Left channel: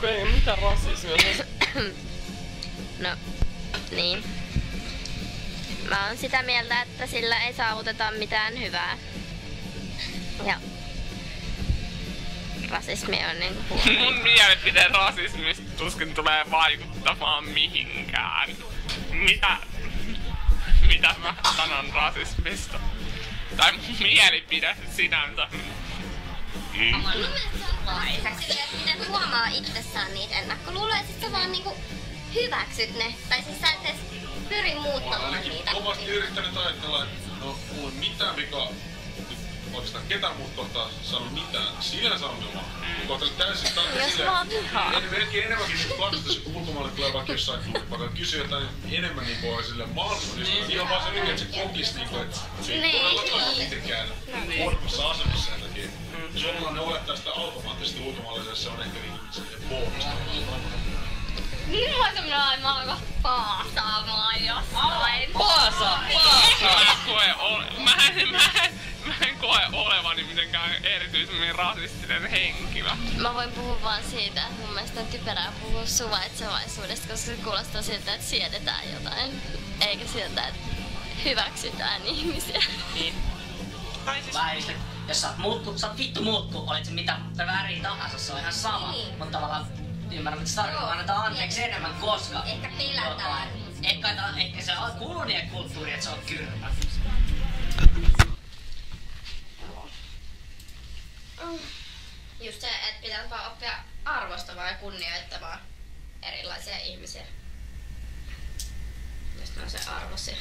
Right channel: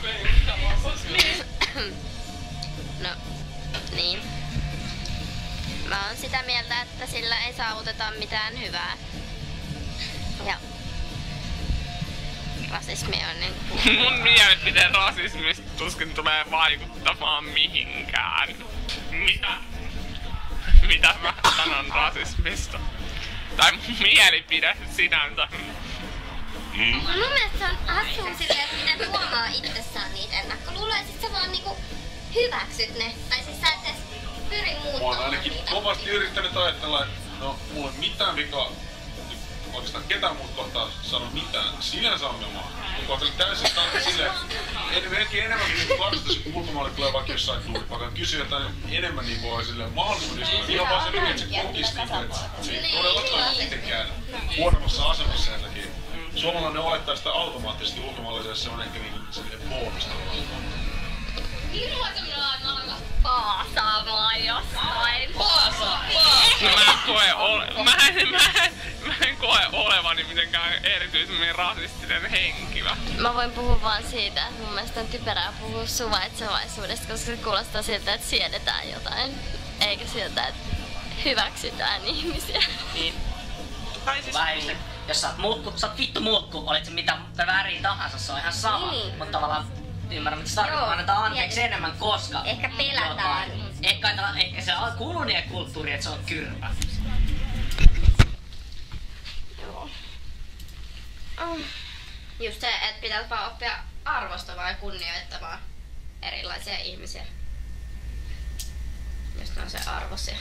kun ei mitään rasismia. No, niin. Mä oon sitä mieltä, että sillä ei saavuteta mitään hyvää. Ja rasismi on niinku... Mun mielipiteen rasismista tuskin tulee vaikuttamaan mihinkään. Mitä mä sanon rasismista? Tai mun mielipide sinänsä. Mun mielestä se on hassua silleen, että miten huomaa itsessään niitä ennakkoluuloja, sit sä vaan niinku hyväksyt ne. Tai siis sä et edes pyri muuttamaan Olen ainakin niitä. kovasti yrittänyt ajatella, että no, mulla ei mitään vikaa. Oikeastaan ketään muut kohtaa sano mitään. Sinänsä ongelmaa. Mä kohtelen täysin silleen, melkein enemmänkin niinku katsotaan, kun ulkomaille tulee vaikka jossain tuulipaikan kysyä jotain enemmän niinku oli silleen mahdollisimman ystävä. Ihan vaan se lyhyen, että se kokis niinku, että se ei todellakaan ole mitenkään huonommassa asemassa sen takia. Suomalainen olettaa sitä automaattisesti ulkomaalaisessa, se on ehkä niinku bonusta. Voinko minä aina alkaa paasaamaan jostain? Paasa! Mä en koe olevani mitenkään erityisemmin rasistinen henkilö. Mä voin puhua vaan siitä, että mun mielestä on typerää puhua suvaitsevaisuudesta, koska se kuulostaa siltä, että siedetään jotain. Eikä siltä, että hyväksytään ihmisiä. Niin. Vähän just, jos sä oot vittu muuttu, olit se mitä väriä tahansa, se on ihan sama. Niin. Mutta tavallaan ymmärrän, mitä se tarkoittaa, annetaan anteeksi enemmän, koska... Ehkä pelätään. Ehkä se on kulunien kulttuuri, että se on kyrpä. Just se, että pitää vaan oppia arvostamaan ja kunnioittamaan erilaisia ihmisiä. Jos ne on se arvoisia.